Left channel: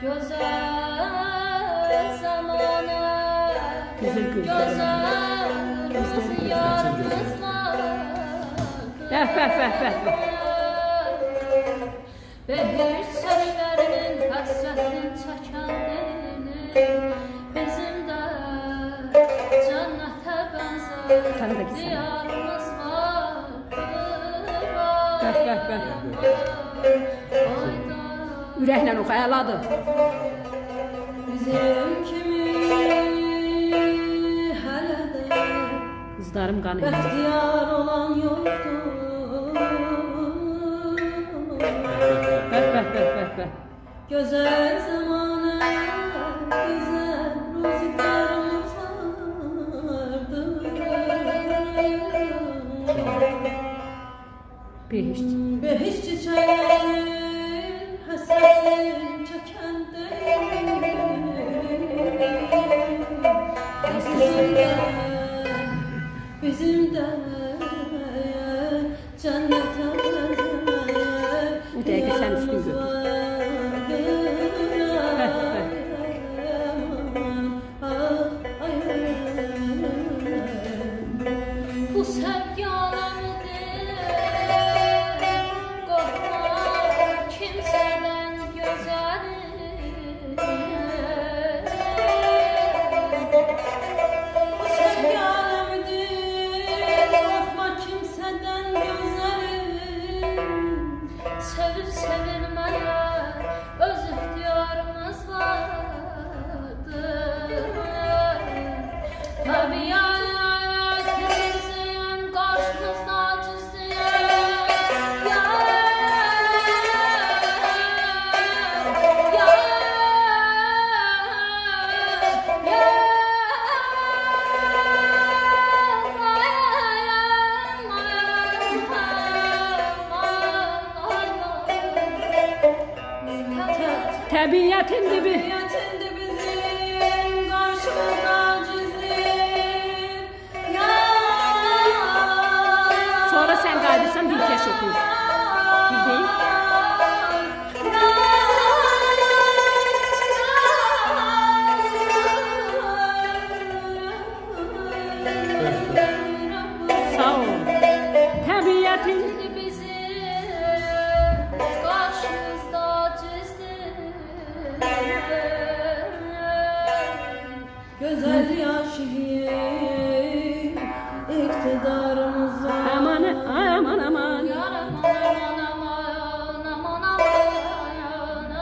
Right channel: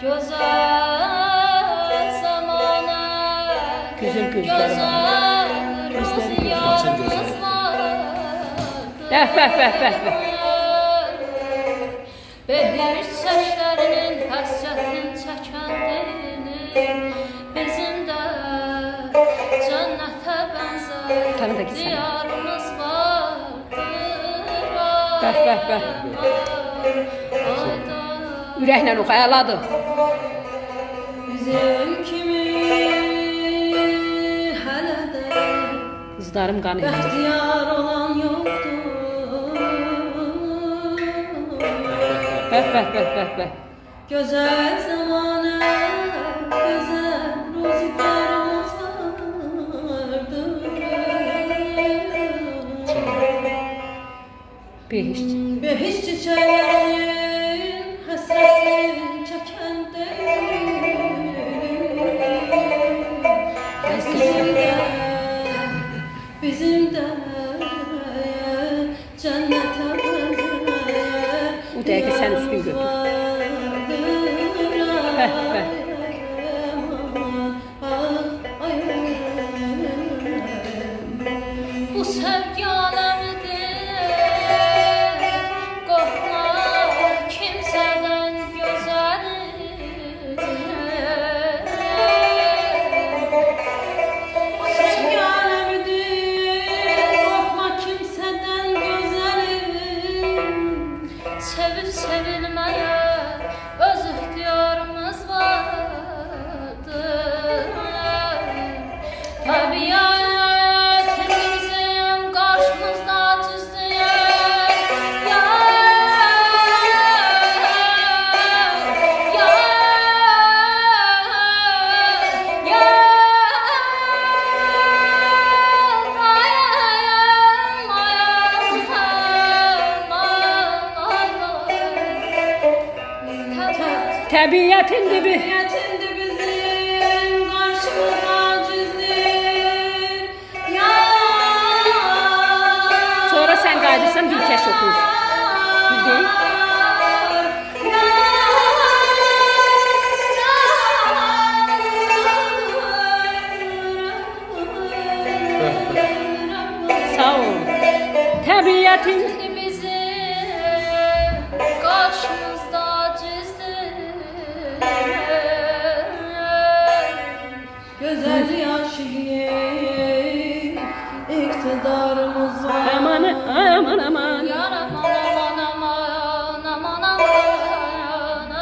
Güzel zamana Güzel gözleri var. Gözleri güzel. Açın gözünü. Beh. Behir saçlarının hasretini çəkəndinin bizim də cənnətə Tanı da bənzər gitsen. diyarımız vardır. Beh. Ürəklə oxu, əladır. Bizim kimi hələ də Qızlarım qan edir. bəxtiyar olan yoxdur. Beh. Güzel zamana, güzel rüzgarımız vardır. Behişt. Behiş çiçeğin hasretin çekende bizim de cennete O dəqiqə sən üstün götür. Beh. Bu sevgi alemidir, korkma kimseden güzelim. Bu sevgi alemidir, korkma kimseden güzelim. Sevip sevilmeye öz ihtiyarımız vardır. Tabiat bizim karşımızda tüzlüyor. Təbiətin dibi. Yetindi bizim karşımıza cizir. Sonra sən qayıdırsan dilkəş oxuyur. Düz deyil?